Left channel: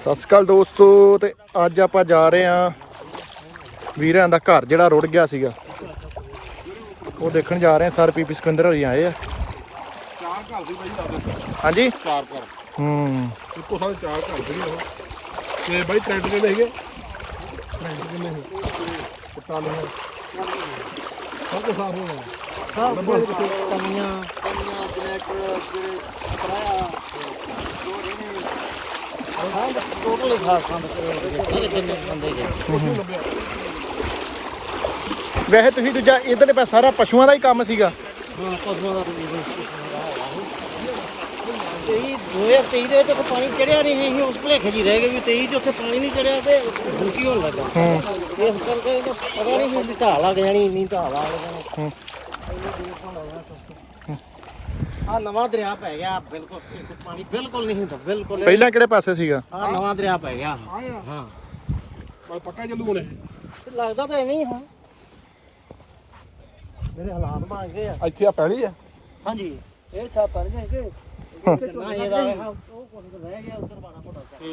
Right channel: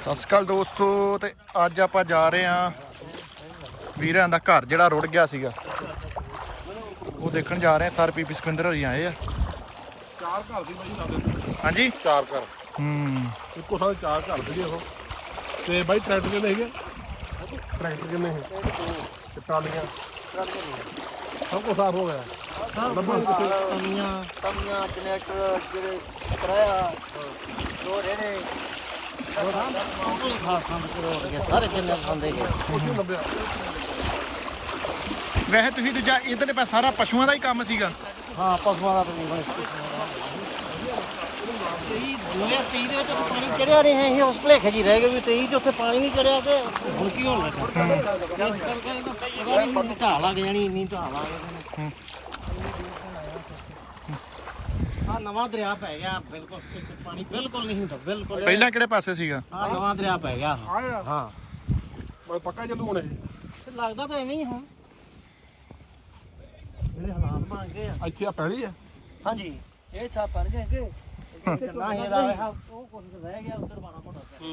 ਸਤਿ ਸ਼੍ਰੀ ਅਕਾਲ ਦੋਸਤੋ। ਤੇ ਅੱਜ ਆਪਾਂ ਜਾ ਰਹੇ ਹਾਂ ਵੀਰਾਂ ਦਾ ਘਰ ਜਿਹੜਾ ਰੁੜ ਗਿਆ ਸੀਗਾ, ਉਹ ਦੇਖਣ ਜਾ ਰਹੇ ਹਾਂ। ਸਰ ਪੀਪੀ ਸਿਕੰਦਰ ਹੋਰੀ ਆਏ ਆ। ਚਾਰ ਘਰ ਸੀ ਬਾਈ ਲੱਗਦੇ। ਹਾਂਜੀ ਚਾਰ ਘਰ ਇੱਕੋ ਸਾਲ ਚਾਰ ਘਰ ਸੀ ਉਹ। ਤੇ ਬਾਈ ਟਰੈਕਟਰ ਕਿੰਨੇ ਸੀਗੇ? ਟਰੈਕਟਰ ਕਿੰਨੇ ਸੀ? ਤੇ ਟਾਲੀਆਂ ਸਭ ਕੁਛ ਸਾਫ ਹੋ ਗਿਆ। ਤਮੀਆਂ ਜਨਰੇਟਰ ਜਿਹੜੇ ਕਿਰਾਇਆ ਜੋ ਜਿਹੜੇ ਟੋਟਲੀ ਖਾਸ ਸਾਰੇ ਜਿੰਨੇ ਬੰਦੇ ਨੇ। ਵੈਸੇ ਤੁਸੀਂ ਦੂਜਾ ਇਧਰਲੇ ਪਾਸੇ ਸਾਰਾ ਪਸ਼ੂਆਂ ਦਾ ਹੀ ਕੰਮ ਸੀਗਾ। ਹਾਂ ਪਸ਼ੂਆਂ ਦਾ ਤੇ 2023 ਦੇ ਵਿੱਚ ਪਾਣੀ ਚੜਿਆ ਨਹੀਂ ਹੈ। ਅਸੀਂ ਉਸ ਭਲੇਖੇ ਜੀ ਰਹਿ ਗਏ ਵੀ 23 ਚ ਉੱਥੇ ਪਾਣੀ ਨਹੀਂ ਚੜਿਆ ਤੇ ਹੁਣ ਕੀ ਹੋਣ ਲੱਗਾ। ਇਸ ਕਰਕੇ ਪਤਾ ਨਹੀਂ ਵੀ ਢਾਲ ਲੱਗ ਜਾਣੀ, ਇੰਨੀ ਢਾਲ ਆ ਜਾਣੀ। ਆ ਨਵਾਂ ਦਰਿਆ ਪੈ ਗਿਆ ਬਿਲਕੁਲ, ਪਾਣੀ ਬਿਲਕੁਲ ਨਹੀਂ ਹੁੰਦਾ ਬਿਲਕੁਲ। ਪਹਿਲਾਂ ਕਿਹੜੇ ਪਾਸੇ ਸੀਗਾ? ਆ ਨਵਾਂ ਦਰਿਆ ਪੈ ਗਿਆ। ਹਾਂ ਬਾਈ ਪੱਕਾ ਚੱਲੂ ਹੁਣ ਇਹ। ਲੱਗਦਾ ਤਾਂ ਐਵੇਂ ਹੀ ਹਾਂ ਜਿਹੜੇ ਹਾਲਾਤ ਬਣ ਗਏ ਆ। ਇੱਥੇ ਆ ਪੈਲੀ ਆ। ਹਾਂਜੀ ਇਹ ਛਾਪ ਪੜ ਗਏ ਕਿ ਨਾ ਇਹਦਾ ਉਹ ਕੁਝ ਰਹਿ ਗਿਆ ਉਧਰ 12 ਫੁੱਟ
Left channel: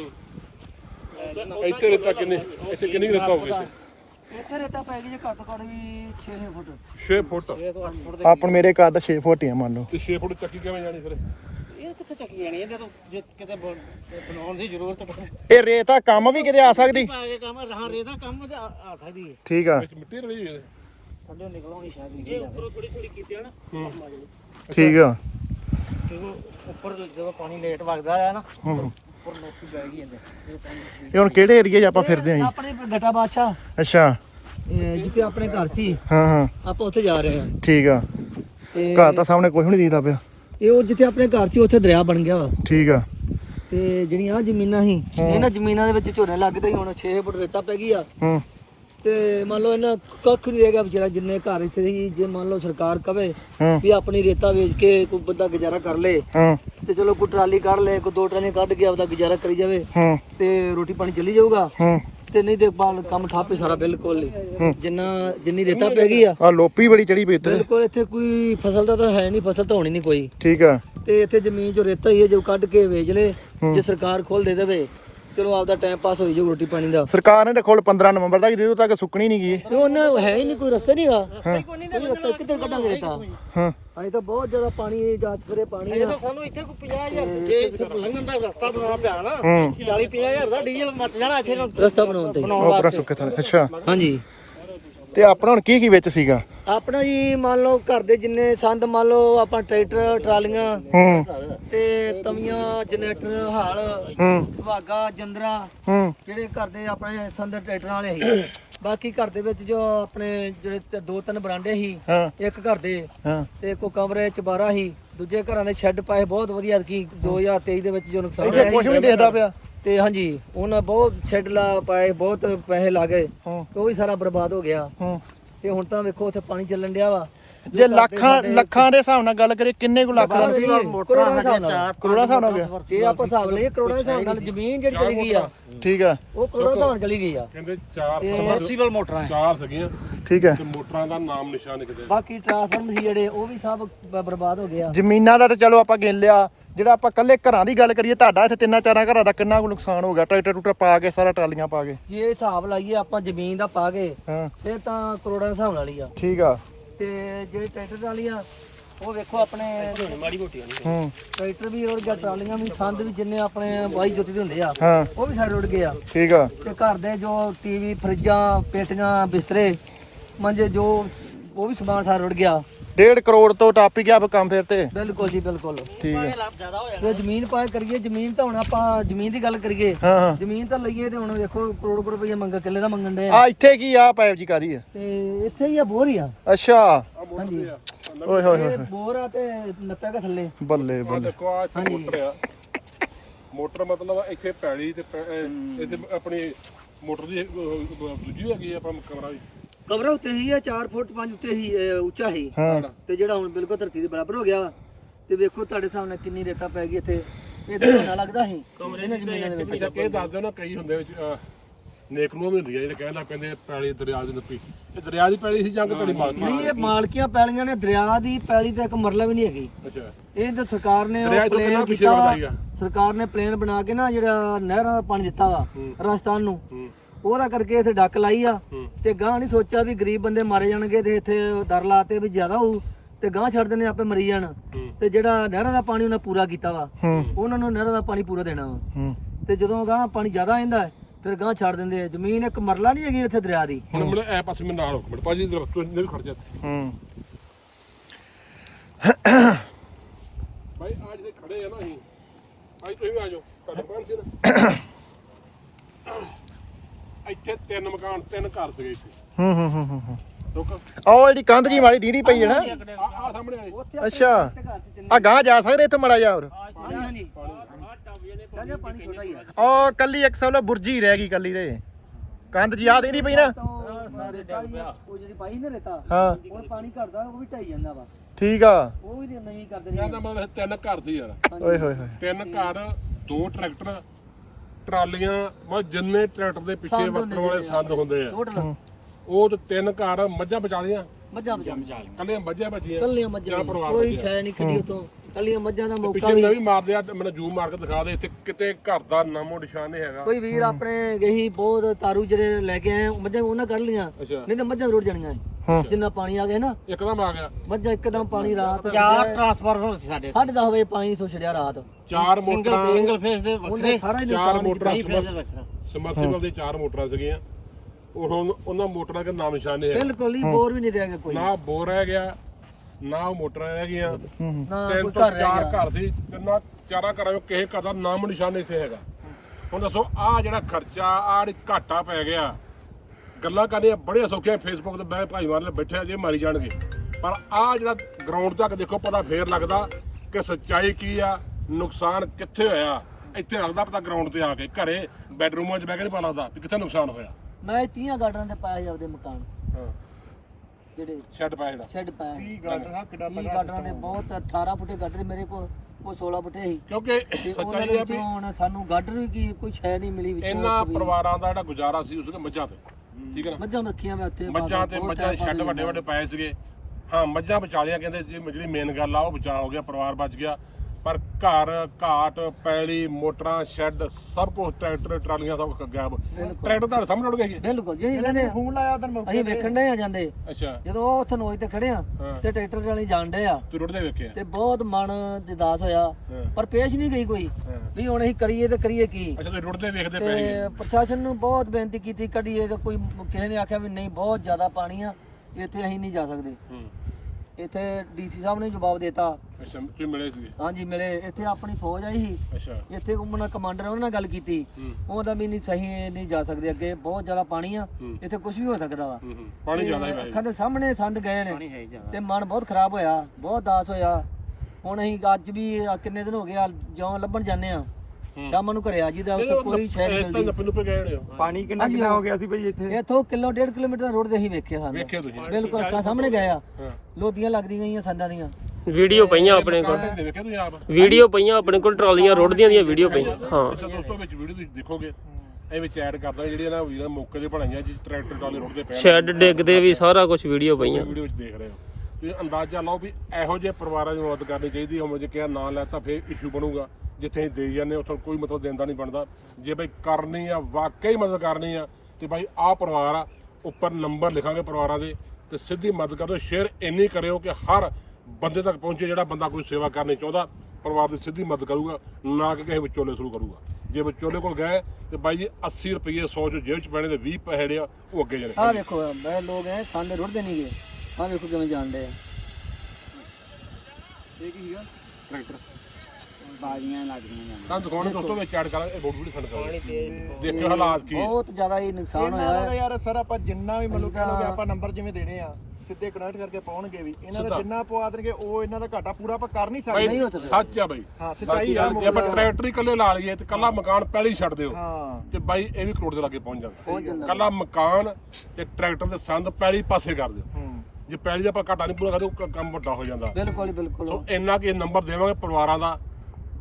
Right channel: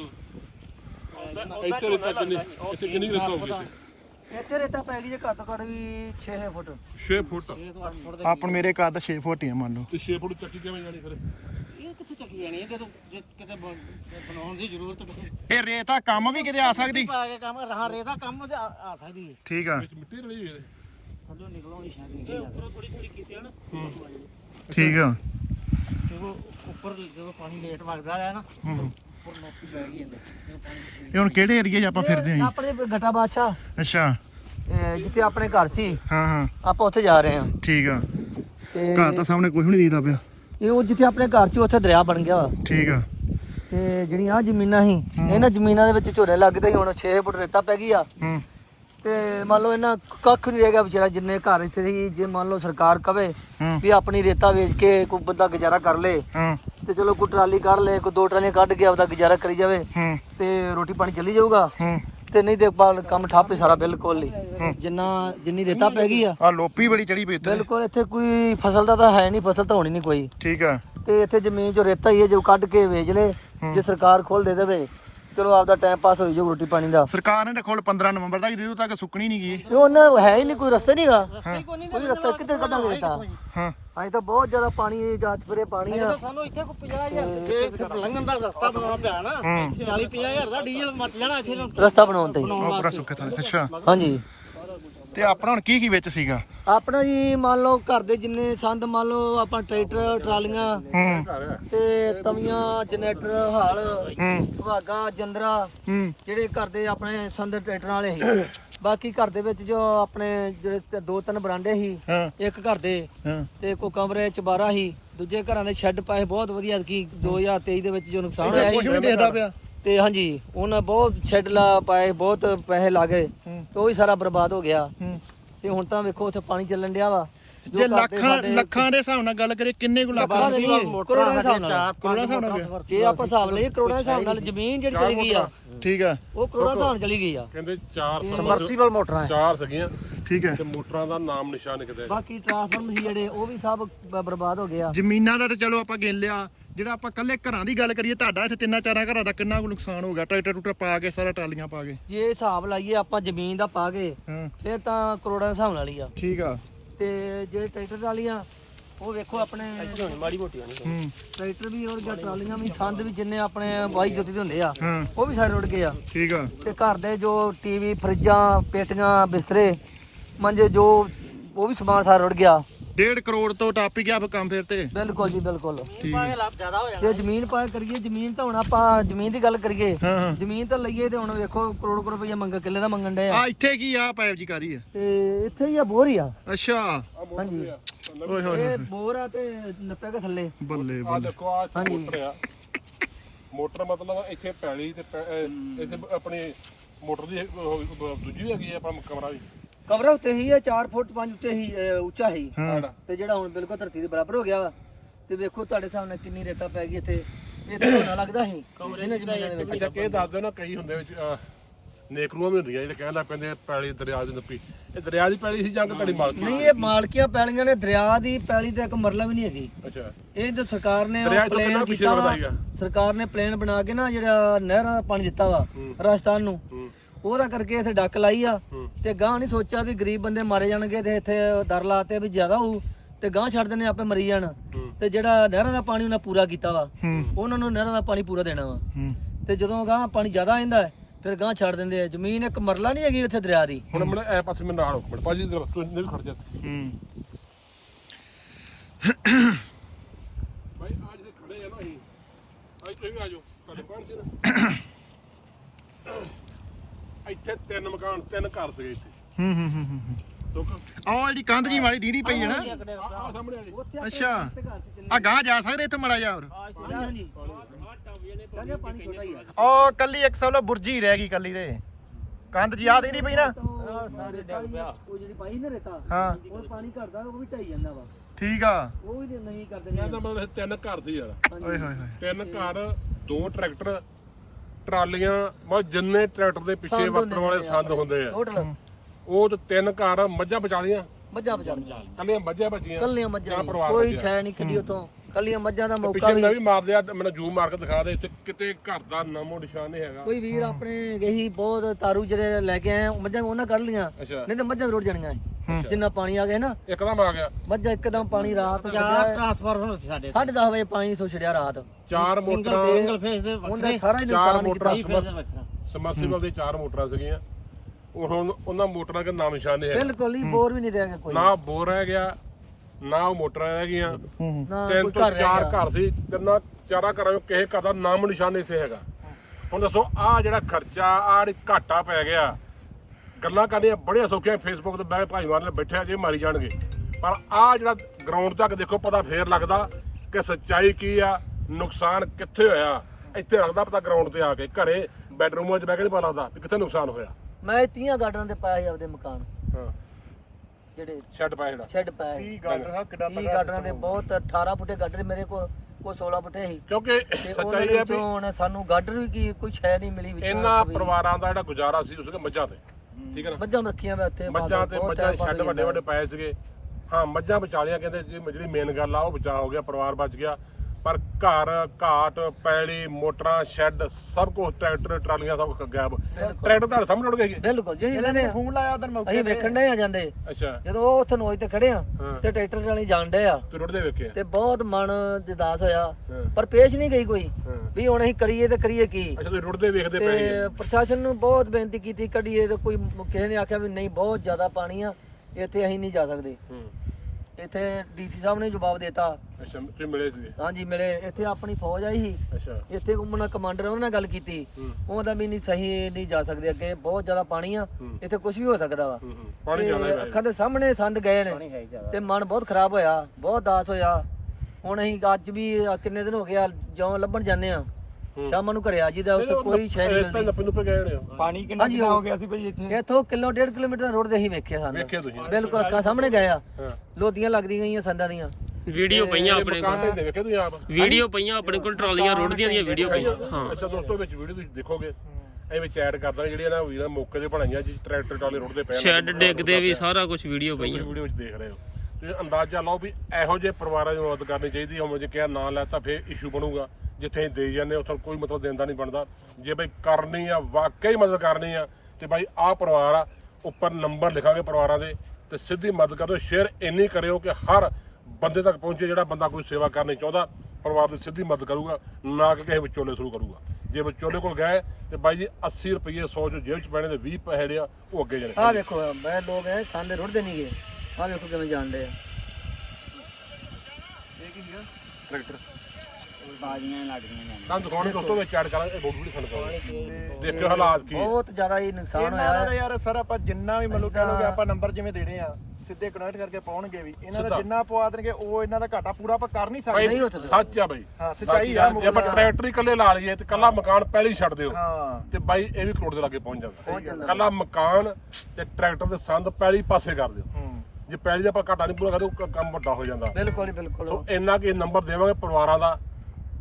ਇੱਥੇ ਰੇਤਾ ਕਿੰਨੀ? ਇੱਥੇ ਕਿੰਨੀ ਰੇਤਾ ਹੋਵੇ? ਇੱਥੇ ਰੇਤਾ ਪੈ ਗਈ ਜੇ ਘੱਟ ਤੋਂ ਘੱਟ ਵੀ 6 ਫੁੱਟ 6 ਫੁੱਟ 6 ਤੋਂ 8 ਫੁੱਟ ਦੇ ਆਪਣ ਮੇਰੇ ਘਰ ਦਾ 6 ਫੁੱਟ ਹੀ ਆ ਮੰਨ ਲਓ। ਤੇ 6 ਫੁੱਟ ਚੱਕੀ ਕਿਵੇਂ ਜਾਣੀ ਫਿਰ? ਇਹ ਕਿੱਥੇ ਚੱਕੀ ਜਾਣੀ ਇਹਦੇ ਤੋਂ ਜੇ ਕਿਤੇ ਬਣਾਉਣ ਦੀ ਜ਼ਰੂਰਤ ਕਿਤੇ ਇਹ ਰੇਤਾ ਕੰਮ ਵੀ ਕਿਤੇ ਆ ਸਕਦੀ। ਪਾ ਕੇ ਕੰਮ ਰਹਾ ਰੇਤਾ ਕੰਮ ਤੇ ਆ ਸਕਦੀ ਹੈ। ਠੀਕ ਆ, ਵਿੱਚ ਮਿੱਟੀ ਰਲੀ ਹੋਈ ਹੈ। ਥੱਲੇ ਨਿਕਲੋਣੀ ਸ਼ਾਇਦ ਨਿਕਲ ਜਾਵੇ। ਉੱਪਰੋਂ ਥੋੜੀ ਥੋੜੀ ਕੀਤੀ ਆ ਨਾ ਠੀਕ ਆ। ਕਿਉਂਕਿ ਉੱਪਰ ਜਦੋਂ ਪਾਣੀ ਲੇਟ ਵਗਦਾ ਆ ਨਾ ਉੱਪਰ ਲੋਕੀ ਬਹਿ ਗਈ ਜਾਂਦੇ। ਇਹ ਹੁਣ ਕਿਹੜੇ ਏਰੀਏ 'ਚ ਆਪਾਂ ਫਿਰਦੇ ਆਂ ਜੀ? ਆਪਣੇ ਗਟਾ ਬਾਦਸ਼ਾਹ ਅੱਛਾ। ਜਿੱਥੇ ਆਪਣੇ ਘਰ ਸੀ ਹਾਂ ਆਪਾਂ ਉੱਥੇ ਜਾ ਰਹੇ ਹਾਂ। ਠੀਕ ਆ। ਤੇ ਘਰ ਤਾਂ ਸਾਹਮਣੇ ਕੁਝ ਨਹੀਂ ਦਿਖਦਾ ਪਿਆ। ਇਹ ਉਹ ਜਿੱਥੇ ਆਪਣੇ ਘਰ ਸੀ ਉੱਥੇ ਦਰਿਆ ਬਣ ਗਿਆ ਵਾ। ਠੀਕ ਆ। ਤੇ ਜਿਹੜੀਆਂ ਆਹ ਜ਼ਮੀਨਾਂ ਸੀ ਇਹਨਾਂ ਜ਼ਮੀਨਾਂ ਦੇ ਵਿੱਚ ਝੋਨੇ ਲੱਗਦੇ ਸੀ। ਹੁਣ 6 ਫੁੱਟ ਰੇਤਾ ਪੈ ਗਈ ਆ ਤੇ ਮੰਨ ਲਓ ਇਹਨਾਂ ਕੱਖ ਨਹੀਂ ਰਹਿ ਗਿਆ ਵਿਚਾਰਾ। ਜਿੰਨੇ ਘਰ ਇੱਥੇ ਸੀ ਜੇ ਮੰਨ ਲਓ ਸਰਕਾਰ ਕਵੇ ਵੀ ਆਪਣੀ ਰੇਤਾ ਵੇਚ ਕੇ ਕੋਈ ਬੰਦਾ ਗੁਜ਼ਾਰਾ ਕਰ ਲੇ ਤੇ ਚਲੋ ਕੋਈ ਟਰਾਲੀ ਕੱਢ ਲੇ, ਕੋਈ 2 ਟਰਾਲੀਆਂ ਕੱਢ ਕੇ ਆਪਦਾ ਗੁਜ਼ਾਰਾ ਕਰੀ ਜਾਵੇ ਤੇ ਰੋਟੀ ਪਾਣੀ ਚੱਲੀ ਜਾਊਗਾ। ਤੇ ਨਹੀਂ ਤੇ ਕੰਮ ਠਾਪੇ ਸਾਰਾ ਬਿਲਕੁਲ ਹੀ ਜਿੰਨੀ ਰੇਤਾ ਪੈ ਗਈ ਆ। ਲੋਪੀ ਬੜੀ ਚੜੀ ਪਈ ਇੱਥੇ। ਬਿਲਕੁਲ ਇੱਥੇ ਕੋਈ ਫਸਲ ਦਾ ਤਾਂ ਹੈ ਨਹੀਂ, ਫਸਲ ਤਾਂ ਹੋਣੀ ਨਹੀਂ ਕੋਈ। ਠੀਕ ਆ। ਤੇ ਇੱਥੇ ਜ਼ਮੀਨ 'ਚੋਂ ਰੇਤਾ ਹੀ ਹੈ ਜੋ ਕੱਢ ਕੇ ਵੇਚ ਲੇ। ਜੇ ਸਰਕਾਰ ਖੋਲ ਦੇ ਦੇਵੇ ਚਲੋ ਆਪਦਾ ਟਾਈਮ ਪਾਸ ਹੋਈ ਜਾਊ ਰੋਟੀ ਪਾਣੀ ਦਾ। ਸਰਕਾਰ ਨੇ ਤਾਂ ਖੋਲ 15 ਨਵੰਬਰ ਤੱਕ ਦੇ ਦੋ ਤੱਕ ਸੁੱਕਣੀ ਨਹੀਂ ਗਈ। ਇਹ ਉਹਨਾਂ ਹੈ ਹੀ ਨਹੀਂ, ਕੋਈ ਰਸਤਾ ਨਹੀਂਗਾ। ਕੋਈ ਰਸਤਾ ਕਿੱਧਰ ਕੱਢਾਂਗੇ ਰੇਤਾ? ਅਜੇ ਤਾਂ ਬਹੁਤ ਜ਼ਿਆਦਾ ਪਾਣੀ ਜਾਂਚ ਫਿਰੇ ਪਾਣੀ ਆ। ਸਾਨੂੰ ਇੱਥੇ ਕੋਈ 50,000 ਜੇ ਇੱਥੇ ਲੰਘਣ ਦਾ ਰਸਤਾ ਬਣਾਉਣਾ ਪਿਆ ਨਾ 40-50,000 ਦਾ ਡੀਜ਼ਲ ਮੱਚ ਜਾਣਾ ਇੱਥੇ ਰਸਤਾ ਬਣਾਉਣ ਤੇ। ਅੱਛਾ। ਹਾਂਜੀ। ਤੇ ਆਪਣਾ ਹੁਣ ਕੀ ਵਿੱਚ ਸੀਗਾ? ਆਪਣਾ ਜੀ ਮੰਨ ਲਓ ਘਰ ਦੇ ਜਿੰਨੇ ਸੰਦ ਮੰਨ ਲਓ ਆਪਾਂ ਟਰੈਕਟਰ ਟਰਾਲੀਆਂ ਤੇ ਤਵੀਆਂ ਜਨਰੇਟਰ ਹਾਲ ਭਾਗਾ ਜੰਦਰਾ ਜਿਹੜੇ ਘਰ ਦੇ ਆਪਣੇ ਸੰਦ ਟਰੈਕਟਰਾਂ ਵਾਲੇ ਸੀ। ਬਾਕੀ ਘਰ ਦੇ ਵਿੱਚ ਜੋ ਆਪਣੇ ਜਿਹੜੇ 2-3 ਬਰਾਂਡੇ ਸੀ ਇੱਕ ਘਰ ਦੇ ਤੇ ਕੋਈ ਕਮਰੇ ਚ 12 ਸੀ। ਦੂਜੇ ਘਰਾਂ ਦੇ ਸ਼ੈੱਡ ਪਾਏ ਬਹੁਤ ਵਧੀਆ ਕੀ 2023 ਦੇ ਵਿੱਚ ਜੋ ਨੁਕਸਾਨ ਹੋਇਆ ਕੁਝ ਨਹੀਂ ਦੇਖਦਾ ਪਿਆ। ਤੇ ਹਾਂਜੀ ਉਹਨਾਂ ਬਹੁਤ ਸ਼ੈੱਡ ਲਾ ਪਾਏ, ਬਹੁਤ ਪੈਸੇ ਲਾਗੇ ਤੇ ਉਹ ਵੀ ਸਾਰਾ ਬਰਬਾਦ ਹੋ ਗਿਆ। ਤੇ ਹੁਣ ਤਾਂ ਵੇਖੋ ਉੱਥੇ ਪਾਣੀ ਚੱਲਣ ਡਿਆ ਵਾ। ਜੇ ਲੱਖਾਂ ਦੇ ਹਿਸਾਬ ਨਾਲ ਗੱਲ ਕਰੀਏ ਕਿੰਨੇ ਕੁ ਲੱਖ? ਕਰੋੜਾਂ ਦੇ ਹਿਸਾਬ ਨਾਲ। ਕਰੋੜਾਂ ਹਿਸਾਬ ਨਾਲ ਹੋ ਗਿਆ। ਜੇ ਆਪਾਂ ਹਿਸਾਬ ਲਈਏ ਕਰੋੜਾਂ ਦੇ ਹਿਸਾਬ ਨਾਲ ਜ਼ਮੀਨ ਜਿਹੜੀ ਚਲੀ ਗਈ ਆ। ਠੀਕ ਆ। ਉਹ ਕਰੋੜਾਂ ਦਾ ਹੁਣ ਚਲੀ ਗਈ ਆ। ਕਹਿੰਦੇ 4 ਸਮਰਸੀਬਲ ਮੋਟਰਾਂ ਚਾਰ ਸੀਗੀਆਂ। ਠੀਕ ਹੈ। ਤੇ ਮੋਟਰਾਂ ਦਾ ਨਾਮ ਨਿਸ਼ਾਨ ਕਿਤੇ। ਬਾਕੀ ਟ੍ਰਾਂਸਫਾਰਮ ਸੀ ਜਿਹੜੇ ਉਹ ਵੀ ਸਭ ਬਰਬਾਦ ਹੋ ਗਿਆ। ਜ਼ਮੀਨਾਂ ਦਾ ਤਾਂ ਚਲੋ ਆਪਾਂ ਗਿਣ ਲਿਆ। ਜਿਹੜਾ ਆਪਾਂ ਕੱਲੇ ਘਰਾਂ ਦੀ ਗੱਲ ਕਰੀਏ ਤੁਹਾਡਾ ਇੱਥੇ 3-4 ਘਰਾਂ ਦਾ ਕਿੰਨਾ ਕੁ ਨੁਕਸਾਨ ਹੋ ਗਿਆ? ਟਰੈਕਟਰ ਟੂਟਰ ਪਾ ਕੇ ਸਾਰਾ ਟਰਾਲੀਆਂ ਪਾ ਕੇ ਜੇ ਹਿਸਾਬ ਲਾਈਏ ਆਪਾਂ ਜ਼ਮੀਨ ਦਾ ਪਾ ਕੇ ਫਿਰ ਤਾਂ ਕਰੋੜਾਂ ਦੇ ਹਿਸਾਬ ਨਾਲ ਹੀ ਆ। ਠੀਕ ਆ। ਤੇ ਜਿਹੜੇ ਟਰੈਕਟਰ ਵਾਲੀਆਂ ਉਹ ਵੇਖੋ ਆਪਣੇ ਮਾੜੀ ਮੋਟੀਆਂ ਨਹੀਂ ਟਰੈਕਟਰ ਵੀ ਔਰ ਟਰਾਲੀਆਂ ਵੀ ਸੰਦ ਵੀ ਜਿੰਨੇ ਆਪਣੇ ਵਾਈ ਜੋਤੀ ਦੇ ਹੁੰਦੇ ਆ ਉਹ ਵੀ ਸਾਰੇ ਰੁੜ ਗਏ ਆ। ਠੀਕ ਆ। ਤੇ ਘਰ ਦੇ ਜੋ ਟੀਵੀ ਫਰਿੱਜਾਂ ਪੇਟੀਆਂ ਬਿਸਤਰੇ ਮੰਜੇ ਜੋ ਉਹ ਵੀ ਸਮਾਨ ਸਾਰਾ ਰੁੜ ਗਿਆ। 1.5 ਕਰੋੜ ਤੋਂ ਟੱਪ ਹੀ ਗਿਆ ਕੰਮ ਫਿਰ ਤੇ। ਬਿਲਕੁਲ ਜੀ ਬਿਲਕੁਲ। ਠੀਕ ਹੈ। ਜੇ ਜ਼ਮੀਨ ਪਾਏ ਕਰੀਏ ਜ਼ਮੀਨ ਤਾਂ ਹੁਣ ਆਪਾਂ ਜ਼ਮੀਨ ਦੀ ਗੱਲ ਕਰੀਏ ਜ਼ਮੀਨ ਤਾਂ ਲਈਏ ਤੇ ਹੁਣ ਵੇਖੋ ਕਰੋੜ ਰੁਪਈਆ ਮੰਗ ਕਿੱਲੇ ਦਾ ਮੰਗਣ ਦੇ ਆ। ਇੱਥੇ ਕੀ ਆ ਪਾਈਪ ਜੀ ਕਾਦੀ ਆ? ਤੇ ਇੱਥੇ ਹੀ ਆ ਬੋਰ ਹੀ ਆ। ਅੱਛਾ। ਹਾਂਜੀ ਓਏ ਹੋਏ ਇਹ ਬੋਰ ਆ ਤੇ ਨੱਪਿਆ ਕੇ ਥੱਲੇ। ਆ ਬੱਲੇ ਬੱਲੇ। ਦੇਖੋ ਆ ਮੋਟਰ ਆ। ਮੋਟਰ ਮਤਲਬ ਇੱਥੇ ਪੈਲੀ ਤੇ ਇੱਥੇ ਆਪਣੀ ਮੋਟਰ ਦੀ ਦੂਜੀ ਹੈਗੀ ਆ ਆਪਾਂ ਕਮਰਾ ਵੀ। ਕਮਰਾ ਉੱਤੇ ਸੀ 4 ਫੁੱਟ 5 ਉੱਤੇ ਸੀ ਉੱਚਾ ਸੀ ਤੇ ਜਿਹੜਾ ਹੁਣ ਬਿਲਕੁਲ ਧਰਤੀ ਦੇ ਬਰਾਬਰ ਹੋ ਗਿਆ। ਤੇ ਵੇਖੋ ਤੁਹਾਡੇ ਸਾਹਮਣੇ ਕਿੰਨੀ ਰੇਤਾ ਪੈ ਗਈ ਇੱਥੇ। ਇਹ ਤਾਂ ਪਤਾ ਲੱਗਦਾ ਸੀ ਇਹਨਾਂ ਜ਼ਮੀਨਾਂ ਦੇ ਵਿੱਚ। ਅੱਛਾ ਇਹ ਦੱਸ ਦਿਓ ਨਾ ਕਈ ਹੁੰਦੇ ਵਿੱਚ ਨੇਕਰੂਆਂ ਵੀ ਹੁੰਦੀਆਂ ਜਿਹੜੇ ਕਹਿੰਦਾ ਪੈਂਦੇ ਪੈਲੀ ਦਰਿਆ ਦੀ ਨੱਪੀ, ਇਹ ਦਰਿਆ ਦੀ ਪੈਲੀ ਸੀ ਜੰਗ ਤੁਹਾਡੀ ਮਾਲਕੀ? ਨਹੀਂ, ਇਹ ਮਾਲਕੀਆਂ ਪੈਲੀਆਂ ਨੇ, ਦਰਿਆ ਦੀ ਪੈਲੀ ਤੇ ਇੱਕ ਮਰਲਾ ਵੀ ਨਹੀਂ ਹੈਗੀ। ਅੱਛਾ, ਇਹ ਤਾਂ ਸਰਕਾਰ ਨੇ ਦਰਿਆ ਤੋਂ ਕਿੰਨਾ ਪਿੱਛੇ ਵਧਾਈਗਾ? ਸਰਕਾਰ ਨੇ ਪਲੇਨ ਬਣਾ ਕੇ ਨਾ ਜਿਹੜਾ ਨਹਿਰਾਂ ਦਾ ਪਾਣੀ ਦਿੱਤਾ ਵਾ ਰਾਜਸਥਾਨ ਨੂੰ, ਉਹਦਾ ਕਰਕੇ ਇੱਥੇ ਡੱਕ ਲਾਈ ਆ ਤੇ ਗਾਂ ਨਹੀਂ ਸੋਚਿਆ ਵੀ ਗਰੀਬ ਬੰਦੇ ਮਾਰੇ ਜਾਣਗੇ ਤੇ ਇੱਥੇ ਦਰ ਲਾਤੇ ਵੀ ਜ਼ਿਆਦਾ ਹੋਊ ਤੇ ਗਾਂ ਛੱਡ ਦਿੰਦੇ ਆਪੇ ਮਰੀ ਜਾਣ, ਤੇ ਜਿਹੜਾ ਨਹਿਰਾਂ ਦਾ ਪਾਣੀ ਉਹਨਾਂ ਪੂਰਾ ਕੀਤਾ ਵਾ, ਉਹਨਾਂ ਨੂੰ ਨਹਿਰਾਂ ਦਾ ਪਾਣੀ ਪੂਰਾ ਦੇਣਾ ਵਾ, ਤੇ ਜਦੋਂ ਗਾਂ ਪਾਣੀ ਜ਼ਿਆਦਾ ਆਂਦਾ ਫਿਰ ਗਾਂ ਛੱਡ ਦਿੰਦੇ ਆ। ਜ਼ਮੀਨ ਇੱਕ ਮਰਲਾ ਨਹੀਂ ਹੈਗੀ ਇੱਥੇ ਦਰਿਆ ਦੀ। ਹੁਣ ਮੈਨੂੰ ਐ ਪਾਸੇ ਮੇਰੇ ਨਾਲ ਇੱਕ ਮਿੰਟ ਭਾਜੀ, ਤੂੰ ਵੀ ਖੜ ਜਾ ਭਾਈ, ਅੱਜ ਦੇ ਖੜੇ ਆ ਨਾ ਅਸੀਂ, ਅੱਜ ਤੁਸੀਂ ਵੀ ਆ ਜਾਓ, ਤੁਹਾਡੇ ਬਾਹਰ ਸੀ ਨਾ ਇੱਥੇ 3 ਮਕਾਨ 3 ਘਰ ਸੀਗੇ ਇੱਥੇ ਸੁੱਕ ਉਹ ਜਿਹੜੀ ਕੰਧ ਜੀ ਵਾਲੀ ਦੀਦੀ ਪਈ ਹੈ ਨਾ, ਆ ਸਾਹਮਣੇ ਆਏ ਅੱਛਾ ਆ ਗਾਂ ਜਾ ਸਕਦੇ ਇੱਥੇ ਮੜਾ ਜਾ ਹੋਰ? ਹਾਂਜੀ ਹਾਂਜੀ, ਪਾਣੀ ਛੋਟਾ ਹੀ ਆ। ਉਹ ਕੱਲੀ ਇੱਕ ਸਾਲੋ ਬੁਰਜੀ ਰਹਿ ਗਈ ਕੱਲੀ ਦੇ, ਕੰਧ ਜੀ ਆ ਦੀਦੀ ਪਈ ਨਾ। ਉਹ ਜਿਹੜੀ ਪਾਈ ਨਾ ਰੇਤਾ, ਹਾਂ ਉਹ ਪਾਣੀ ਘਟਦਾ ਉਹ ਵੀ ਢਾਈ ਜਾਂਦਾ ਵਾ, ਠੀਕ ਆ। ਉਹ ਵੀ ਨਵੀਂ ਕਰਦੇ ਕਹਿੰਦਾ ਮਤਲਬ 3 ਘਰ ਸੀ ਯਾਰ, ਓਏ ਹੋਏ ਹੋਏ 3 ਘਰ, 2 ਟਰੈਕਟਰ, ਟਰਾਲੀਆਂ, ਮਤਲਬ ਜਿੰਨੇ ਟਰੈਕਟਰ ਦੇ ਪਿੱਛੇ ਵਰਤਣ ਵਾਲੇ ਸੰਦ ਹੁੰਦੇ ਆ ਟੋਟਲ ਉਹ ਤੇ 3 ਘਰ, ਮੱਝਾਂ ਬਚਾ ਲੀਆਂ, ਮੱਝਾਂ ਬਚਾ ਕੱਲੀਆਂ ਮੱਝਾਂ ਬਚੀਆਂ, ਕੱਲੀਆਂ ਮੱਝਾਂ, ਕੋਈ ਛੈ ਨਹੀਂ ਕਿੱਡੀ ਉਤੋਂ, ਕੱਲੀਆਂ ਮੱਝਾਂ ਦਾ ਮੌਕਾ ਪਿੱਛੇ ਵੀ। ਮੈਂ ਵੀ ਮਾਰ ਦਿਆ, ਮੈਨੂੰ ਜ਼ੂਮ ਮਾਰ ਕੇ ਦਿਖਾ ਦੇ, ਇੱਥੇ ਕਿਤੇ ਘਰ ਦਾ ਨਾਮੋ ਨਿਸ਼ਾਨ ਨਹੀਂ ਹੈਗਾ। ਕੋਈ ਵੀਰ ਆਪਣੇ ਗਈ ਬਹੁਤ ਤਾਰੂ ਜਿਹੜੇ ਲੈ ਕੇ ਆਏ ਆ, ਮੱਝਾਂ ਉਹਨਾਂ ਕੱਢ ਲੀਆਂ, ਅੱਛਾ, ਨਹੀਂ ਤਾਂ ਮੱਝਾਂ ਰੁੜ ਜਾਣੀਆਂ ਜਿੰਨਾ ਪਾਣੀ ਆ ਗਿਆ ਨਾ, ਇੱਕਦਮ ਆ ਗਿਆ। ਮੱਝਾਂ ਇੱਕਦਮ ਪਾਣੀ ਰਾਤ 4 ਟਰਾਂਸਫਾਰਮਰ ਸੀ ਸਾਡੇ 10:30 ਵਜੇ ਪਾਣੀ ਤੋਂ ਛੜਿਆ ਰਾਤ, 4 ਮੋਟਰਾਂ, ਸਿੰਗਲ ਫੇਸ ਦੇ ਉਹਨੇ ਸਾਰਾ ਹੀ 4 ਨੁਕਸਾਨ ਮੋਟਰਾਂ ਕੀਤਾ। ਸਮਰਸੀਬਲ ਦੀ 4 ਮੋਟਰਾਂ ਸੀਗੀਆਂ, ਉਹ ਹੁਣ ਉਹਨਾਂ ਮੋਟਰਾਂ ਦੇ ਨਾਮ ਨਿਸ਼ਾਨ ਨਹੀਂ ਹੈਗਾ, ਬਿਲਕੁਲ ਹੀ ਬੋਰ ਵੀ ਨਹੀਂ ਰਹਿ ਗਿਆ ਕੋਈ, ਨਾ ਬੋਰ ਰਹਿ ਗਿਆ, ਨਾ ਉਹ ਮੋਟਰਾਂ ਰਹਿ ਗਈਆਂ। ਨਾ 3 ਕੋਈ ਤੋਂ ਘਰ ਰਹਿ 4 ਗਿਆ। ਘਰ ਸੀ, ਤਿੰਨਾਂ 4 ਘਰਾਂ ਵਿੱਚ ਕਿਸੇ ਘਰ ਦਾ ਨਾਮ ਨਿਸ਼ਾਨ ਨਹੀਂ ਇੱਥੇ ਹੈਗਾ। ਹੁਣ ਦੱਸੋ ਆਹ ਜਿਹੜਾ ਖਰਚਾ, ਆਹ ਜਿਹੜੀ ਘਾਟਾ ਪੈ ਗਿਆ, ਗੱਲਾਂ ਕਰਨੀਆਂ ਬੜੀਆਂ ਸੌਖੀਆਂ, ਫੇਸਬੁੱਕ ਤੇ ਬਹਿ ਭਾਈਵਾਨ ਨੇ ਬੈਠੇ ਜੇ ਮਾਰੀ ਜਾਣਗੇ, ਪਰ ਆਹ ਜਿਹੜਾ ਗਰਾਊਂਡ ਤੱਕ ਦੇਖੋ ਪਤਾ ਫੇਰ ਲੱਗਦਾ ਕਿ ਸੱਚਾਈ ਕੀ ਆ, ਨੁਕਸਾਨ ਕਿੱਥੇ ਹੋਇਆ। ਇੱਥੇ ਲੱਗਦਾ ਪਤਾ ਗਰਾਊਂਡ ਤੇ ਆ ਕੇ, ਘਰੇ ਬੈਡਰੂਮਾਂ 'ਚ ਬਹਿ ਕੇ ਨਹੀਂ ਪਤਾ ਲੱਗਦਾ ਵੀ ਕਿੱਥੇ ਨੁਕਸਾਨ ਹੋਇਆ। ਮੈਂ 30 ਗਾਰਡਨਾਂ ਤੇ ਪਾਏ ਆਪਦੇ ਮਕਾਨ, ਹਾਂ, ਜਿਹੜੇ ਛੱਡ ਪਾਇਆ ਜਿਹੜਾ ਸ਼ੈੱਡ ਪਾਏ 30 ਗਾਰਡਰ ਹਾਂ ਕਿੱਡਾ 30 ਗਾਰਡਨਾਂ ਦੇ ਬਹੁਤ 18 ਫੁੱਟੇ ਗਾਰਡਰ ਮੇਰੇ ਕੋਲ, ਕੋਈ 16 ਫੁੱਟੇ ਸੀ, ਕਿਉਂਕਿ ਤੇ ਉਹਨਾਂ ਸੱਚਾਈ ਦੇ ਹੈ ਵਿੱਚੋਂ ਵੀ ਹੁਣ ਸਾਨੂੰ ਗਾਰਡਰ ਵੀ ਕੀ ਕੋਈ ਸ਼ੈ ਨਹੀਂ ਮਿਲੀ ਵਿੱਚੋਂ ਇਹਨਾਂ ਕੋਈ। ਪਰਿਵਾਰਾਂ ਦਾ ਜਿਹੜਾ ਗੁਜ਼ਾਰਾ ਸੀ ਉਸ ਦੇ ਮੱਝਾਂ ਤੇ, ਠੀਕ ਹੈ ਨਾ, ਮੱਝਾਂ ਰੱਖੀਆਂ ਮੈਂ ਉੱਥੇ ਮੱਝਾਂ ਤੇ ਬਹੁਤ ਮੱਝਾਂ ਦੇ time pass ਛੱਡ ਹੋ ਵੱਡੇ ਜਾਂਦਾ। ਵੱਡੇ ਪਏ ਸੀਗੇ। ਹਾਂ, ਮੱਝਾਂ ਬਚਾਲੀਆਂ ਕਹਿੰਦੇ ਜਿਹੜੀ ਮੇਨ ਗੱਲ ਆ ਉਹ ਬਚਾ ਹੋ ਗਿਆ, ਪਰਿਵਾਰ ਬਚ ਗਿਆ, ਪਰ ਘਰ ਘਾਟ, ਪੈਲੀ, ਮੋਟਰਾਂ, ਸ਼ੈੱਡ ਸਭ ਕੁਝ, ਟਰੈਕਟਰ ਟਰਾਲੀਆਂ ਸਭ ਗਾਇਬ। ਟਰੈਕਟਰ ਤੁਹਾਡੇ ਸਾਹਮਣੇ ਉੱਡ ਗਏ। ਬਿਲਕੁਲ ਜੀ, ਇਹਨਾਂ ਨੇ ਫੋਨ ਲਾਇਆ ਉਦੋਂ ਮੌਕੇ ਅਸੀਂ ਵੇਖਣ ਡਏ ਆ ਜਾਂਦੇ, ਅੱਛਾ, ਜਦੋਂ ਉਹ ਉੱਥੇ ਨੋਜ ਤੇ ਖੜੇ ਆ ਹਾਂ। ਤੇ ਟਰੈਕਟਰ ਵਾਲੇ ਜਾਣ ਡਏ ਆ, ਤੂੰ ਰੁੜਦੇ ਵੇਖਿਆ? ਤੇ ਬਹੁਤ ਮਨ ਉਦਾਸ ਹੋਇਆ, ਹਾਂ। ਪਰ ਪੇਸ਼ ਨਹੀਂ ਗਈ ਕੋਈ ਹਾਂ। ਵੀ ਹੁਣ ਅਸੀਂ ਕਰੀਏ ਤੇ ਕਰੀਏ ਕੀ। ਅੱਛਾ, ਤੁਸੀਂ ਰੁੜਦੇ ਵੇਖਦੇ ਪਏ ਤੇ ਸੀ। ਪ੍ਰਸ਼ਾਸਨ ਨੂੰ ਬਹੁਤ ਬੇਨਤੀ ਕੀਤੀ ਕੱਢੀਏ, ਤੇ ਕੋਈ ਕਿਸੇ ਨੇ ਆਖਿਆ ਵੀ ਨਹੀਂ ਬਹੁਤ ਜ਼ਿਆਦਾ ਪਾਣੀ ਆ, ਇੱਥੇ ਅਸੀਂ ਨਹੀਂ ਜਾ ਸਕਦੇ। ਹੂੰ, ਇੱਥੇ ਡੀਸੀ ਸਾਹਿਬ ਨੇ ਜਵਾਬ ਦਿੱਤਾ, ਅੱਛਾ, ਤੁਸੀਂ ਮਿਲੇ ਸੀ? ਹਾਂਜੀ ਮਿਲੇ, ਇੱਥੇ ਆਪਣੀ ਫੌਜ ਆਈ ਸੀ, ਅੱਛਾ, ਇੱਥੇ ਘੁੰਮਣਾ ਕਮਾਂਡਰ ਉਹਨਾਂ ਨਾਲ ਗੱਲ ਕੀਤੀ, ਹੂੰ, ਉਹਦਾ ਵੀ ਨਹੀਂ ਸਹੀ ਨਹੀਂ ਜਾ ਸਕਦੇ ਅੱਗੇ, ਬਹੁਤ ਜ਼ਿਆਦਾ ਪਾਣੀ ਆ, ਹੂੰ। ਇੱਥੇ ਕੁਝ ਵੀ ਹੋ ਸਕਦਾ ਵਾ। ਹੂੰ, ਹੂੰ, ਪਾਣੀ ਜ਼ਿਆਦਾ ਤੇ ਹੈ। ਅੱਖਾਂ ਦੇ ਸਾਹਮਣੇ ਸੰਦ ਗਏ ਨੇ, ਪਾਣੀ ਹੈ ਜ਼ਿਆਦਾ। ਤੇ ਮਨ ਬਹੁਤ ਖਰਾਬ ਹੋਇਆ, ਬਹੁਤ ਦਾਸ ਹੋਇਆ। ਹੁਣ ਅਸੀਂ ਅੱਜ ਵੀ ਕਿੰਨੇ ਦਿਨ ਹੋ ਗਏ ਆ, ਜਿਉਂ ਲੱਭਣ ਜਾਂਦੇ ਆ, ਸ਼ਾਮ ਨੂੰ ਘਰੇ ਆ ਜੀਦਾ, ਉੱਥੇ ਕੋਈ ਸ਼ੈ ਨਹੀਂ ਮਿਲਦੀ। ਨੱਪੇ ਨੁੱਪੇ ਗਏ ਹੋਣੇ ਹੋ। ਪਾਣੀ ਕਿੰਨਾ ਹੋ ਗਿਆ ਸੀ ਭਾਈ ਇੱਥੇ? ਇੱਥੋਂ 1.5 ਕਿਲੋਮੀਟਰ ਦਾ ਰੋਡ ਤੇ ਅਸੀਂ ਵੇਖਿਆ ਸਾਨੂੰ, ਵੇਖਿਆ ਤੁਸੀਂ? ਬਿਲਕੁਲ ਅੱਖਾਂ ਸਾਹਮਣੇ ਗਏ ਆ, ਹਾਂ, ਲੋਦੀਆਂ ਲੱਗਦੀਆਂ ਗਈਆਂ ਸੰਦਾਂ ਦੀਆਂ। ਵੀਡੀਓ ਪਈਆਂ ਆਪਣੇ ਕੋਲ, ਮਕਾਨ ਤੇ ਵੇਖਿਆ ਤੁਸੀਂ ਆਪ? ਵੀਡੀਓ ਪਈਆਂ ਆਪਣੇ ਕੋਲ, ਟਰਾਲੀਆਂ ਰੋਡਦੀਆਂ ਦੀਆਂ ਵੀਡੀਓ ਪਈਆਂ। ਹਾਂ, ਅੱਛਾ ਦੋਸਤੋ, ਵਿੱਚ ਵੀਡੀਓ ਤੁਸੀਂ ਦੇਖੋਗੇ, ਇਹ ਵਿੱਚ ਐਡ ਕਰਦਾ ਜਿਹੜੀਆਂ ਨਾ ਵੀਰਾਂ ਮੌਕੇ ਤੇ ਬਣਾਈਆਂ ਜਿਸ ਟਰੈਕਟਰ ਟਰਾਲੇ ਰੋਡ ਦੇ ਪਏ ਸ਼ੈੱਡ ਡਿੱਗਦੇ ਵੀ ਸਾਰਾ ਕੁਝ ਵੀਡੀਓ ਪਈਆਂ। ਵੀਡੀਓ ਵਿੱਚ ਦੇਖ ਰਹੇ ਹੋ। ਤੁਸੀਂ ਅੰਦਾਜ਼ਾ ਲਾਓ ਵੀ ਇਹੋ ਜਿਹੇ ਪਰਿਵਾਰਾਂ ਦੀ ਮਦਦ ਕਰਨੀ ਚਾਹੀਦੀ। ਹੁਣ ਜੇ ਕਿਹਾ ਨਾ ਲੈ ਤਾਂ ਫਿਰ ਇਸ਼ੂ ਬਣੂਗਾ, ਜਿੱਥੇ ਅਸੀਂ ਦੇਈ ਜਾਂਦੇ ਉੱਥੇ ਕੋਈ ਮਤਲਬ ਦੇਣ ਦਾ ਨਹੀਂ ਬਣਦਾ। ਜੇ ਬਈ ਕਰਨੀ ਆ, ਵਾਕਈ ਮਦਦ ਕਰਨੀ ਆ, ਤੇ ਬਾਈ ਆਹ ਪਰਿਵਾਰ ਆ, ਉੱਪਰ ਨੰਬਰ ਲਿਖਾਂਗੇ ਪਰਿਵਾਰਾਂ ਦੇ, ਤੇ ਸਿੱਧੀ ਮਦਦ ਕਰ ਦਿਓ। ਸ਼ੇਅਰ ਇੰਨੀ ਕਰਿਓ ਕਿ ਹਰ ਬੰਦੇ ਤੱਕ ਪਹੁੰਚੇ ਜਿਹੜਾ ਬੰਦਾ ਕੋਈ ਸੇਵਾ ਕਰਨੀ ਚਾਹੁੰਦਾ, ਪਰਿਵਾਰ ਦੀ ਸਿੱਧੀ ਮਦਦ ਕਰੂਗਾ, ਨਾ ਕਿ ਕਿਸੇ ਵਿਚੋਲੇ ਸ਼ੁਰੂ ਕਰੂਗਾ। ਜੇ ਵਿਚੋਲੇ ਕੋਲ ਗਏ ਤੇ ਬਾਈ ਜੀ 80 ਰੁਪਏ 100 ਚ ਜੇਬ ਚ ਪੈਣੇ, ਤੇ 20 ਪੈਸੇ ਜਿਹੜੇ ਆ ਉਹ ਅੱਗੇ ਜਾਣੇ। ਆਹ ਵੇਖੋ ਮੈਂ ਲੋਕ ਐ ਸੰਦ ਰੁੜਦੇ ਨਹੀਂ ਗਏ, ਆਹ ਵੇਖੋ ਕਿਵੇਂ ਜਾਣਦੇ ਆ। ਇਹ ਕੀ ਹੈ? ਟਰੈਕਟਰ ਬਾਜ਼ੀਆਂ ਲੱਗਦੀਆਂ ਨੇ। ਤਾਂ ਦਿਖਾਉਣੇ ਦੋਸਤੋ ਵਿੱਚ ਐਡ ਕਰਾਂਗੇ, ਇਹ ਬਹੁਤ ਵੀ ਖੰਡ ਦੇਖੋ ਹਾਲਾਤ ਕੀ। ਬਹੁਤ ਜ਼ਿਆਦਾ ਹੀ ਨੁਕਸਾਨ ਇਹਨਾਂ ਦਾ ਹੋਇਆ। ਯਾਰ ਸਰ ਆਪਾਂ ਜਿੰਨਾ ਵੀ ਮਤਲਬ ਕਹ ਲੋਗੇ ਆਪਾਂ ਨੰਬਰ ਜਿਵੇਂ ਦੇਣੇ ਆ, ਸਿੱਧੇ ਕਨੈਕਟ ਕਰਕੇ ਪਾਉਣਗੇ ਵੀ, ਇਹਨਾਂ ਦਾ ਜਿੰਨਾ ਪਵਾ ਦੇਣਗੇ ਉਹ ਇਹਨਾਂ ਦਾ ਘਾਟਾ ਪੂਰਾ ਆਪਾਂ ਕਰ ਨਹੀਂ ਸਕਦੇ। ਨਹੀਂ ਹੋ ਸਕਦਾ। ਸੱਚ ਆ ਬਾਈ, ਹਾਂ ਸੱਚਾਈ ਆ। ਜੇ ਆਪਾਂ ਟਰੈਕਟਰ ਹੀ ਇਕੱਲੇ ਲਾ ਲਈਏ ਤੇ ਕੱਲਾ ਮਕਾਨ ਪਹਿਲੇ ਹੀ ਛੱਡ ਦਿਓ, ਹਾਂ ਤੇ ਬਾਈ ਇਹ ਵੀ ਕਰੋੜ ਦੇ ਲਾਗੇ ਪਹੁੰਚ ਪਹੁੰਚ ਜਾਂਦਾ। ਜਾਂਦਾ। ਕੱਲਾ ਮਕਾਨ ਤੇ ਟਰੈਕਟਰ ਦੇ ਸੰਦ ਪਹਿਲੇ ਪਾਸੇ ਕਰ ਦਿਓ। ਹੂੰ ਜੇ ਪਹਿਲੇ ਦਾ ਆਪਾਂ ਘਾਟਾ ਨਹੀਂ ਪੂਰਾ ਕਰਦੇ, ਕੰਮ ਵੱਡਾ ਹੋ ਜਾਂਦਾ। ਬਿਲਕੁਲ ਹੀ ਬਿਲਕੁਲ। ਸੋ ਇੰਨਾ ਕਿ ਨੰਬਰ ਦੇਵਾਂਗੇ ਪਰਿਵਾਰਾਂ ਦਾ,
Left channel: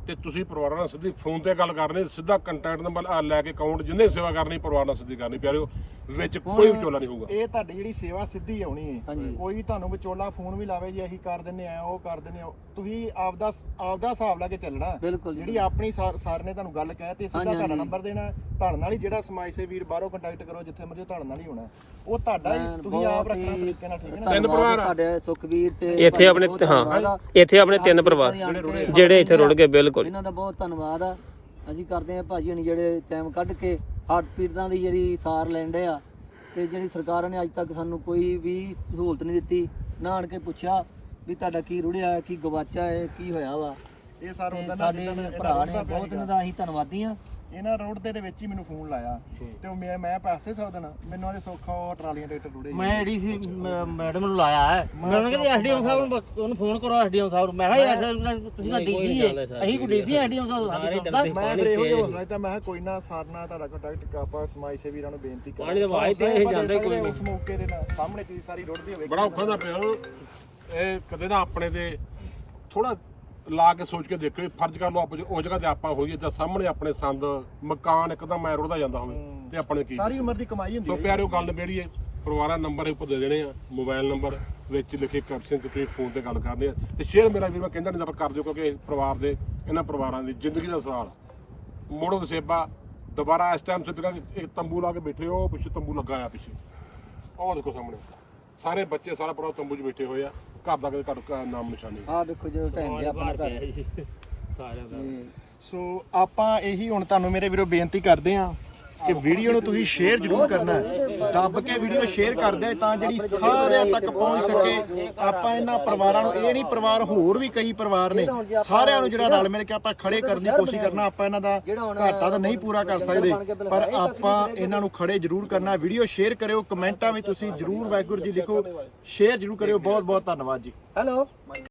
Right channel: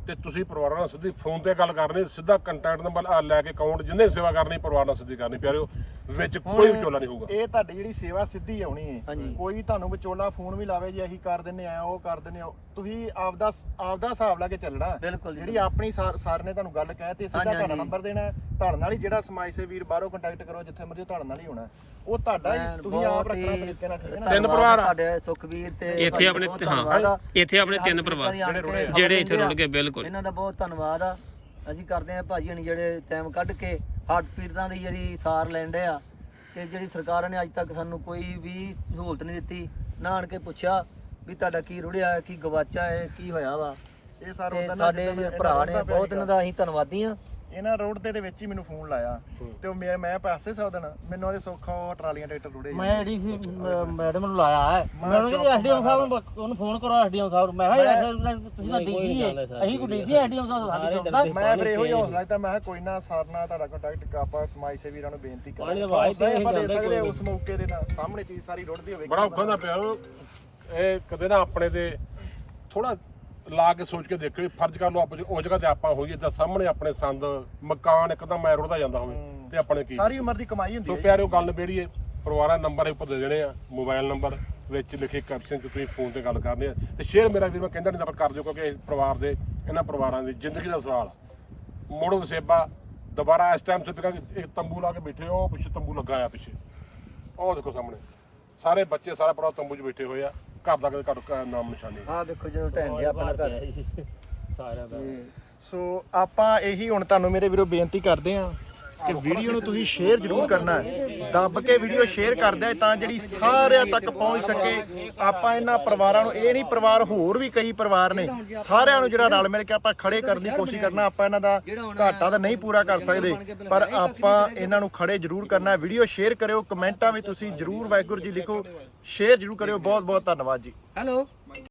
ਤੇ ਤੁਸੀਂ ਪਰਿਵਾਰਾਂ ਨਾਲ ਸਿੱਧੀ ਫੋਨ ਤੇ ਗੱਲ ਕਰਨੀ, ਸਿੱਧਾ ਕੰਟੈਕਟ ਨੰਬਰ ਲੈ ਕੇ ਅਕਾਊਂਟ ਜਿੰਨੇ ਸੇਵਾ ਕਰਨੀ ਪਰਿਵਾਰ ਨਾਲ ਸਿੱਧੀ ਕਰਨੀ ਪਿਆਰਿਓ, ਵਿੱਚ ਕੋਈ ਵਿਚੋਲਾ ਨਹੀਂ ਹੋਊਗਾ। ਇਹ ਤੁਹਾਡੀ ਜਿਹੜੀ ਸੇਵਾ ਸਿੱਧੀ ਆਉਣੀ ਹੈ, ਹਾਂਜੀ। ਕੋਈ ਤੁਹਾਨੂੰ ਵਿਚੋਲਾ ਫੋਨ ਵੀ ਲਾਵੇ ਜੀ ਅਸੀਂ ਕਰ ਦਿੰਨੇ ਆ ਉਹ ਕਰ ਦਿੰਨੇ ਆ, ਤੁਸੀਂ ਆਪਦਾ ਹਿਸਾਬ ਲਾ ਕੇ ਚੱਲਣਾ। ਬਿਲਕੁਲ ਜੀ। ਜਿਹੜੀ ਆਪਣੀ ਸਰ ਨੇ ਤੁਹਾਨੂੰ ਗੱਲ ਕਹਿ ਤੇ ਸਿੱਧਾ ਹਾਂਜੀ, ਤੁਹਾਡਾ ਹਾਂਜੀ। ਨੰਬਰ ਦੇਣਾ, ਤੁਹਾਡੇ ਨਾਲ ਹੀ ਜਿਹੜਾ ਸਮਾਜ ਸੇਵੀ ਵੀਰ ਬਾਹਰੋਂ ਕੰਟੈਕਟ ਕਰੋ ਜਿੱਥੇ ਮਰਜ਼ੀ ਤੁਹਾਡੇ ਨਾਲ ਹੀ ਹੋਣਾ, ਉਹ ਤੁਹਾਡਾ ਹੀ ਤੁਸੀਂ ਆਪ ਰੱਖਣਾ ਤਰੀਕੇ ਨਾਲ, ਠੀਕ ਹੈ ਨਾ। ਤਿੰਨ ਪਰਿਵਾਰ ਆ। ਸਾਡੇ ਸੁਖਵੀਰ ਤੇ ਇੱਥੇ ਆਪਣੇ ਹਾਂ ਇੱਥੇ ਆਪਣੇ 3 ਪਰਿਵਾਰ ਜਿਹੜੇ ਇੱਥੇ ਰੁੜ ਗਏ ਬਿਲਕੁਲ। ਇਹਨਾਂ ਦਾ ਬਹੁਤ ਧੰਨਵਾਦ ਆ। ਅਸੀਂ ਕਰਦੇ ਆ ਭਾਜੀ ਹਣੀ ਜਿਹੜੇ ਟਾਈਮ ਕੱਢ ਕੇ ਹਾਰਟ ਪੀੜਤਾਂ ਦੀ ਜਿਹੜੀ ਸਾਰ ਲੈਂਦੇ ਆ, ਤੇ ਜਿਹੜੀ ਸਰਕਾਰ ਨੇ ਅੱਜ ਤੱਕ ਸਾਨੂੰ ਕੋਈ ਵੀ ਸਹੂਲਤ ਨਹੀਂ ਦਿੱਤੀ, ਨਾ ਆਣ ਕੇ ਪੁੱਛਿਆ ਵੀ ਤੁਹਾਡਾ ਕੀ ਰੁੜਿਆ, ਕੀ ਗਵਾਚਾ ਹੈ, ਕੀ ਹੋਇਆ ਵਾ। ਇਹ ਸਰ ਤੇ ਉਹਦਾ ਸਾਡੇ ਭਰਾ ਨੇ ਬਹੁਤ ਇਹਨਾਂ ਦਾ ਅਸੀਂ ਧੰਨਵਾਦੀ ਆ। ਇਹਨਾਂ ਰੋਡ ਦੇ ਵਿੱਚ ਹੀ ਮੈਨੂੰ ਫੋਨ ਲਾਇਆ ਤੇ ਉਹ ਮੈਂ ਪੈਸੇ ਸੌਦਨ ਮੈਨੂੰ ਉਹਦੇ ਸੌਖਾ ਟਰਾਲੀਆਂ ਟਰੈਕਟਰ ਰੁੜੇ ਮੈਂ ਏਡੀਸੀ ਮੈਡਮ ਨੂੰ ਲਾਇਆ ਹੈ, ਮੈਂ ਉਹਨੂੰ ਕਹਿੰਦਾ ਐਸਡੀਐਮ ਸਾਹਿਬ ਨੂੰ ਉਹਨੂੰ ਫੋਨ ਕਰੋ, ਐਸਡੀਐਮ ਸਾਹਿਬ ਨੂੰ। ਮੈਂ ਕਿਹਾ ਤੁਸੀਂ ਤਾਂ ਡੀਸੀ ਹੈ, ਅਸੀਂ ਕੋਈ ਡੀਸੀ ਐਸਡੀਐਮ ਸਾਹਿਬ ਸਾਡੇ ਚੁੱਕਦਾ। ਮੈਂ ਫਿਰ ਇਹੋ ਜਿਹਾ ਹੌਸਲਾ ਦਿੱਤਾ, ਮੈਂ ਕਿਹਾ ਕੋਈ ਨਾ ਸਰ ਨਾਲ ਤੁਹਾਡਾ ਕੰਟੈਕਟ ਆਪਾਂ ਸਮਾਜ ਸੇਵੀਰਾਂ ਨੂੰ ਬੇਨਤੀ ਕਰਾਂਗੇ। ਪਾਣੀ ਦੇ ਵਾਹ ਤੇ ਇਹ ਜਾਂਦੇ ਕੋਈ ਉਸ ਮੌਕੇ ਦੇ ਨਾਲ ਸਾਹਮਣੇ ਚੀਜ਼ ਸਾਰੀ ਰੁੜਦੀ ਹੋਵੇ। ਬੜਾ ਔਖਾ ਦਾ ਪਿਆ ਇਹ, ਕਦੇ ਨਾ ਆਪਣੇ ਤੇ ਥੋੜਾ ਲਾ ਕੇ ਸੋਚ ਕੇ ਦੇਖੋ ਵੀ ਫਰਜ਼ ਕਰ ਲਓ ਆਪ ਉਹ ਜਗ੍ਹਾ ਤੇ ਆਪਾਂ ਹੋਈਏ ਤਾਂ ਸਾਹਮਣੇ ਆਪਣੇ ਸੰਦ ਮਕਾਨ ਇੱਕਦਮ ਮੈਂ ਰੁੜਦਾ ਜਾਂਦਾ ਹੋਵੇ ਤੇ ਆਪਣੇ ਕੀ ਸਾਰੀ ਉਮਰ ਦੀ ਕਮਾਈ ਹੁੰਦੀ ਸੋ ਹੈ। ਪਿਆਰਿਓ ਗੱਲ ਮੇੜੀਏ, ਪਰਿਵਾਰਾਂ ਨੰਬਰ ਉੱਪਰ ਦੇ ਦੇਣੇ ਆ, ਮੋਬਾਈਲ ਨੰਬਰ ਵਿੱਚ ਲਿਖੇ ਕੈਪਸ਼ਨ 'ਚ ਤੁਸੀਂ ਫੋਨ ਤੇ ਗੱਲ ਕਰਨੀ ਆ, ਤੇ ਸ਼ੇਅਰ ਮੇਰਾ ਵੀਰ ਮੈਂ ਕਹਿੰਦਾ ਨਹੀਂ ਤਾਂ ਕਰ ਦਿਓ, ਕਿਉਂਕਿ ਇਸ ਪਰਿਵਾਰ ਦੇ ਇਹਨਾਂ ਪਰਿਵਾਰਾਂ ਦੀ ਜ਼ਿੰਦਗੀ ਦਾ ਸਵਾਲ ਮੁੜ ਵਸੇਬਾ ਦੁਬਾਰਾ ਇਸ ਟਾਈਮ ਸਿੱਧਾ ਇੱਕ ਤੰਬੂ ਲਾ ਕੇ ਬੈਠੇ ਹੋ, ਪਿੱਛੇ ਤੰਬੂ ਲੱਗਾ ਆ ਪਿੱਛੇ, ਉਹ ਦੇਖੋ ਸਾਹਮਣੇ ਸਾਰੇ ਬੱਚੇ ਸਾਰਾ ਪਰਿਵਾਰ ਤੰਬੂ 'ਚ ਬੈਠੇ ਹੋਏ ਆ, ਘਰ ਦਾ ਕਦੇ ਘੱਟ ਨਾਮ ਨਿਸ਼ਾਨੀ। ਆਹ ਵੇਖੋ ਜਦੋਂ ਢਹਿ ਗਿਆ ਆਪਣਾ ਘਰ। ਸੋ ਆਪਾਂ ਇਹੀ ਹੁਣ ਤੁਹਾਨੂੰ ਮੇਰੇ ਵੀਰੋ ਬੇਨਤੀ ਕਰਦੇ ਆ ਕਿ ਵੀਡੀਓ ਨੂੰ ਤੁਸੀਂ ਸ਼ੇਅਰ ਜ਼ਰੂਰ ਕਰਨਾ ਹੈ, ਦੱਬ ਕੇ ਵੀਡੀਓ ਸ਼ੇਅਰ ਕਰਦੇ ਤਾਂ ਜਿਹੜੀ ਸਾਰਿਆਂ ਤੱਕ ਪਹੁੰਚ ਸਕੇ। ਆਪਾਂ ਇਹਨਾਂ ਪਰਿਵਾਰਾਂ ਨੂੰ, ਇਹ ਨਹੀਂ ਪਰਿਵਾਰ ਹੋਰ ਵੀ ਕਈ ਪਰਿਵਾਰ ਨੇ, ਸਾਰਿਆਂ ਨੂੰ ਜਿਹੜਾ ਰਲ ਮਿਲ ਕੇ ਆਪਾਂ ਖੜੇ ਕਰਨ ਦੀ ਕੋਸ਼ਿਸ਼ ਕਰਨਾ। ਆਪਾਂ ਇਹਨਾਂ ਦਾ ਘਾਟਾ ਤਾਂ ਨਹੀਂ ਪੂਰਾ ਕਰ ਸਕਦੇ, ਪਰ ਆਪਾਂ ਇਹਨਾਂ ਨੂੰ ਖੜੇ ਜ਼ਰੂਰ ਕਰਨਾ। ਵੀਡੀਓ ਸ਼ੇਅਰ ਕਰਿਓ, ਕਮੈਂਟਾਂ ਵੀ ਤੁਸੀਂ ਜ਼ਰੂਰ ਵਾਹਿਗੁਰੂ ਜੀ ਲਿਖੋ, ਸ਼ੇਅਰ ਜ਼ਰੂਰ ਕਰਿਓ। ਬਹੁਤ ਬਹੁਤ ਧੰਨਵਾਦ ਜੀ। ਹੈਲੋ।